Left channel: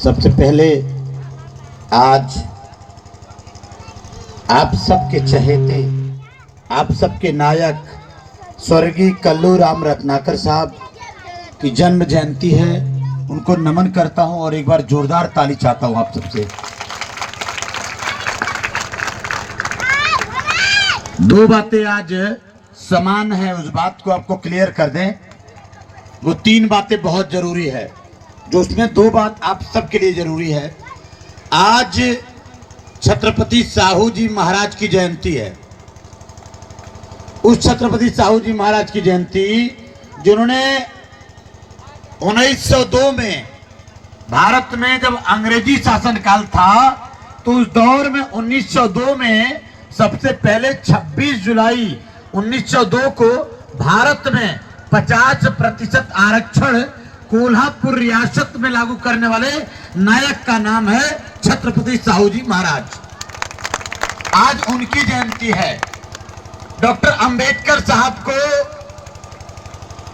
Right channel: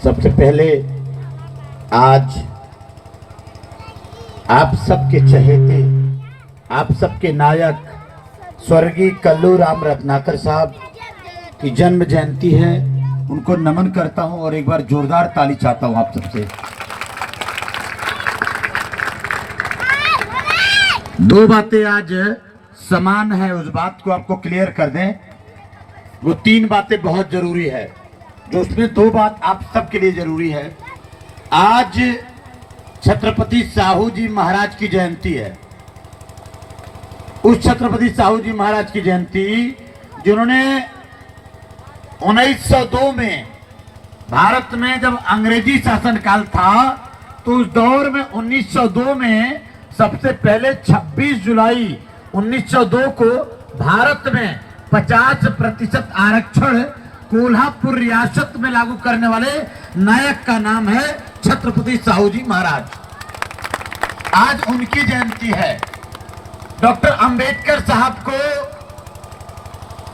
सबसे पहले आज आप सबके चहेते, आप सबके नायक स्वर्गीय कल्लू राम रत्नाकर साहब की जन्म जयंती है। उनको नमन करता हूं और एक बार जोरदार ताली चाहता हूं आप सबसे। दो बातें आज समान है, उस बात को आपको क्लियर कर दें। वो तीन बातें बहुत जरूरी है, जो उसमें दो बात आप सबके लिए जरूरी है। आज छत्रपति साहू जी महाराज की जयंती है। उस छत्रपति साहू जी महाराज की जयंती जिन्होंने 1902 में भारत में जब अंग्रेजी शासनकाल था, तो उस दौर में 1902 में सबसे पहले 26 जुलाई 1902 को भारत में 50% आरक्षण कोल्हापुर रियासत में लागू करने वाले नायक का नाम है छत्रपति साहू जी महाराज। आज उनकी जयंती है। डॉक्टर अंबेडकर साहब को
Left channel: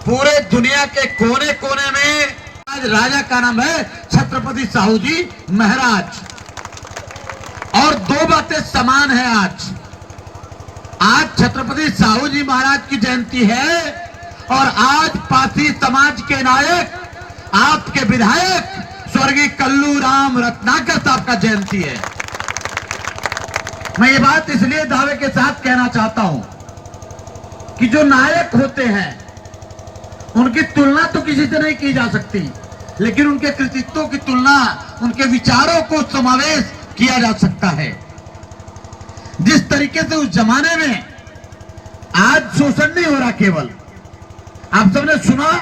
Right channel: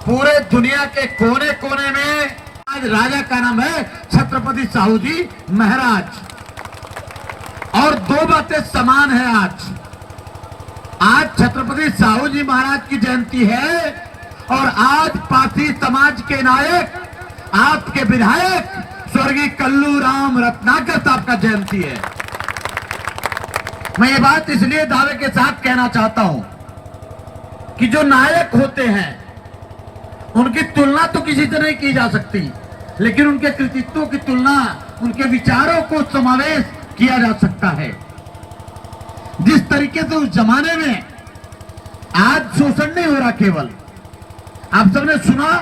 पूरे दुनिया के कोने कोने में आज राजा का नाम है छत्रपति साहू जी महाराज। और दो बातें समान है। आज छत्रपति साहू जी महाराज की जयंती है और आज पासी समाज के नायक, आपके विधायक स्वर्गीय कल्लू राम रत्नाकर साहब का जयंती है। मैं ये बात इसलिए दावे के साथ कहना चाहता हूं कि जो नायक होते हैं उनकी तुलना तो किसी से नहीं की जा सकती, लेकिन उनके कृतित्वों की तुलना उनके विचारों को समावेश किया जा सकता है। जिस तरीके से उस जमाने में आज शोषण नहीं हो रहा, केवल आप सबने सुना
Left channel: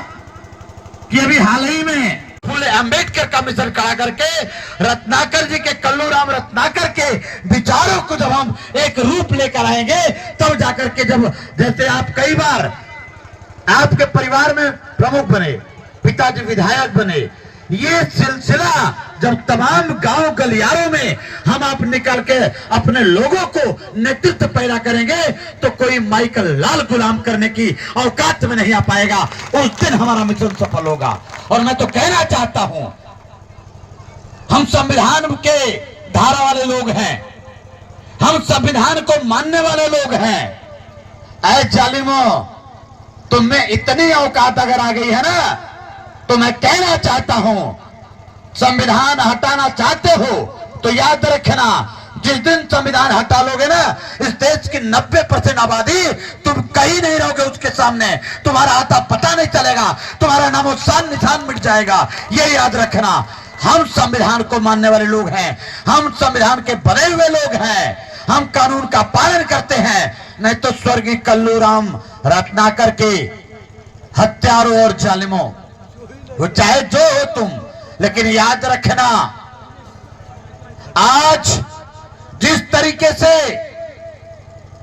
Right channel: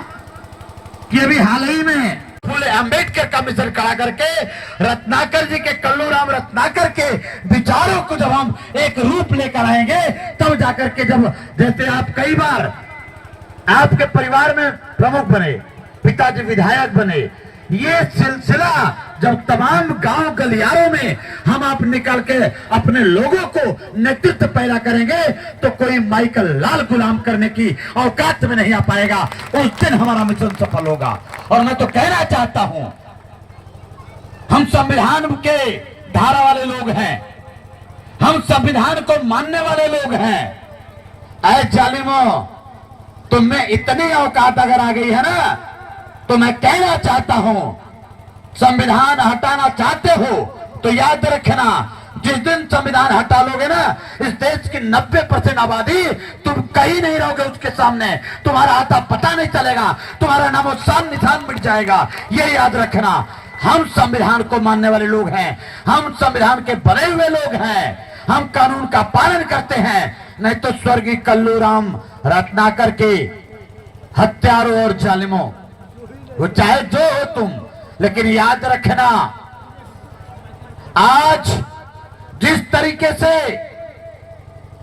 कि अभी हाल ही में फूले अंबेडकर का मिशन खड़ा करके रत्नाकर जी के, कल्लू राम रत्नाकर के विचारों को जब हम एक रूप लेकर आएंगे, तब जाकर के जब जैसे आप कई बार आपके परिवार में प्रमुख बने, पिताजी विधायक बने, ये सिलसिला जब तमाम गांव गलियारों में हम आप निकल के अपने लोगों को नेतृत्व पैदा करेंगे, तो कोई माइकल लाल गुलाम करने की औकात में नहीं आ पाएगा। उस दिन हमारा मिशन सफल होगा। और मैं तो कहना चाहता हूं, हम संविधान के धारा वाले लोग हैं, हम संविधान को मानने वाले लोग हैं। ऐ जालिमों, तुम में इतनी औकात अगर आ गई है ना, तो मैं कहना चाहता हूं, संविधान हटाना चाहते हो तो याद रखना, जिस दिन संविधान हटा लोगे ना, इस देश की 90% आबादी तुम कहीं नहीं रहोगे उसके सामने, तुम्हारा आता पता नहीं चलेगा, तुम्हारा नामो शान निशान मिट जाएगा। ये याद रखना। हम संविधान को मानने वाले लोग हैं, हम संविधान के बने हुए लोग हैं, हम कानून का पालन करते हैं। नहीं तो स्वर्गीय कल्लू राम रत्नाकर के हत्यारों और जालिमों, वो चाहे जो हो तुम, लेकिन याद रखना, आज जिस तरीके से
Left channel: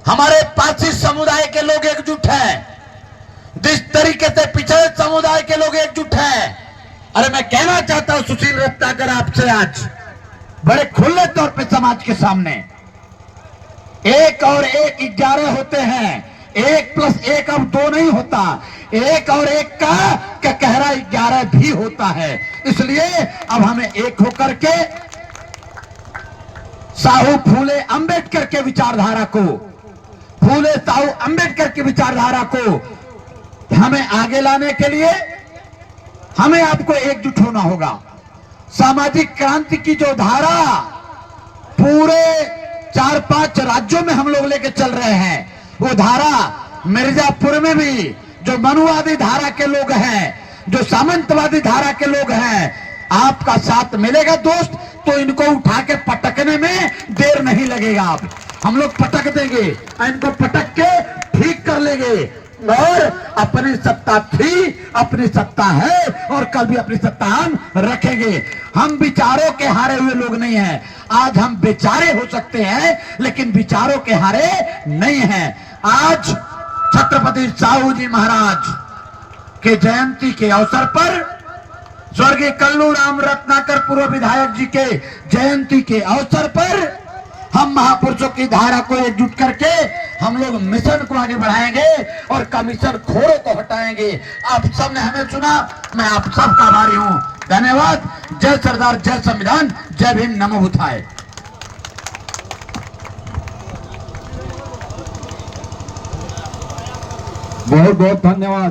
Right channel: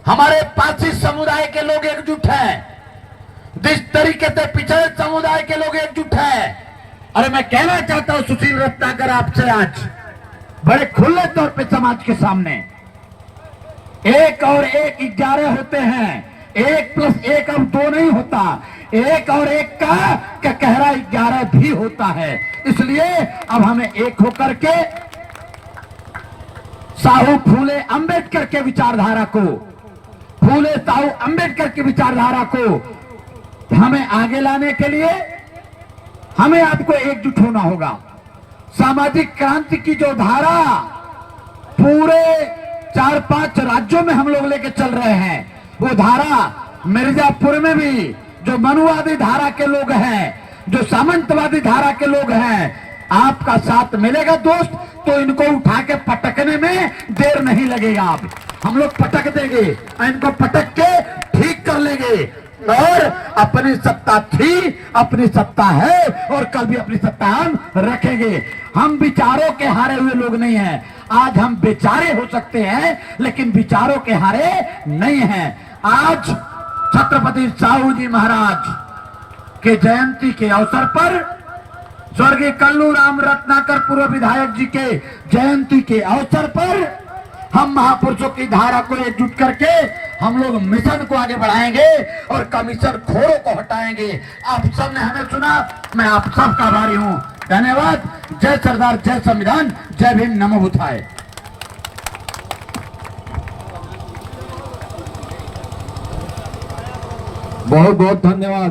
हमारे पासी समुदाय के लोग एकजुट हैं, जिस तरीके से पिछड़े समुदाय के लोग एकजुट हैं, अरे मैं कहना चाहता हूं सुशील रत्नाकर आपसे आज बड़े खुले तौर पे समाज के सामने, 1 और 1 11 होते हैं, 1 + 1 अब 2 नहीं होता, 1 और 1 का कहरा 11 भी होता है। इसलिए अब हमें एक होकर के साहू फूले अंबेडकर के विचारधारा को, फूले साहू अंबेडकर की विचारधारा को हमें आगे लाने के लिए हमें आपको एकजुट होना होगा। सामाजिक क्रांति की जो धारा पूरे 4-5 राज्यों में हम लोग लेके चल रहे हैं, वो धारा मिर्जापुर में भी जो मनुवादी धारा के लोग हैं, जो सामंतवादी धारा के लोग हैं, आपका साथ मिलेगा दोस्त, तो इनको उठा के पटकने में देर नहीं लगेगा। आप हम लोग पटक देंगे, इनको पटक के ठीक कर लेंगे। और अपनी सत्ता थी, अपनी सत्ता है और कल भी अपनी सत्ता हम रखेंगे। हम विचारों के हारे हुए लोग नहीं हैं। आज हम बेचारे हो सकते हैं, लेकिन विचारों के हारे नहीं हैं। आज छत्रपति साहू जी महाराज के जयंती के अवसर पर, स्वर्गीय कल्लू राम रत्नाकर पूर्व विधायक जी के जयंती के अवसर पर, हम महापुरुषों की धारा को एकजुट करके हम लोग मिशन को आगे बढ़ाएंगे और कमीशन खोरों को हटाएंगे। आप सबने हमें सुना, मैं आप सबका आभारी हूं। धन्यवाद। जय सरदार, जय संविधान, जय भीम, नमो बुद्धाय। बहुत बहुत धन्यवाद।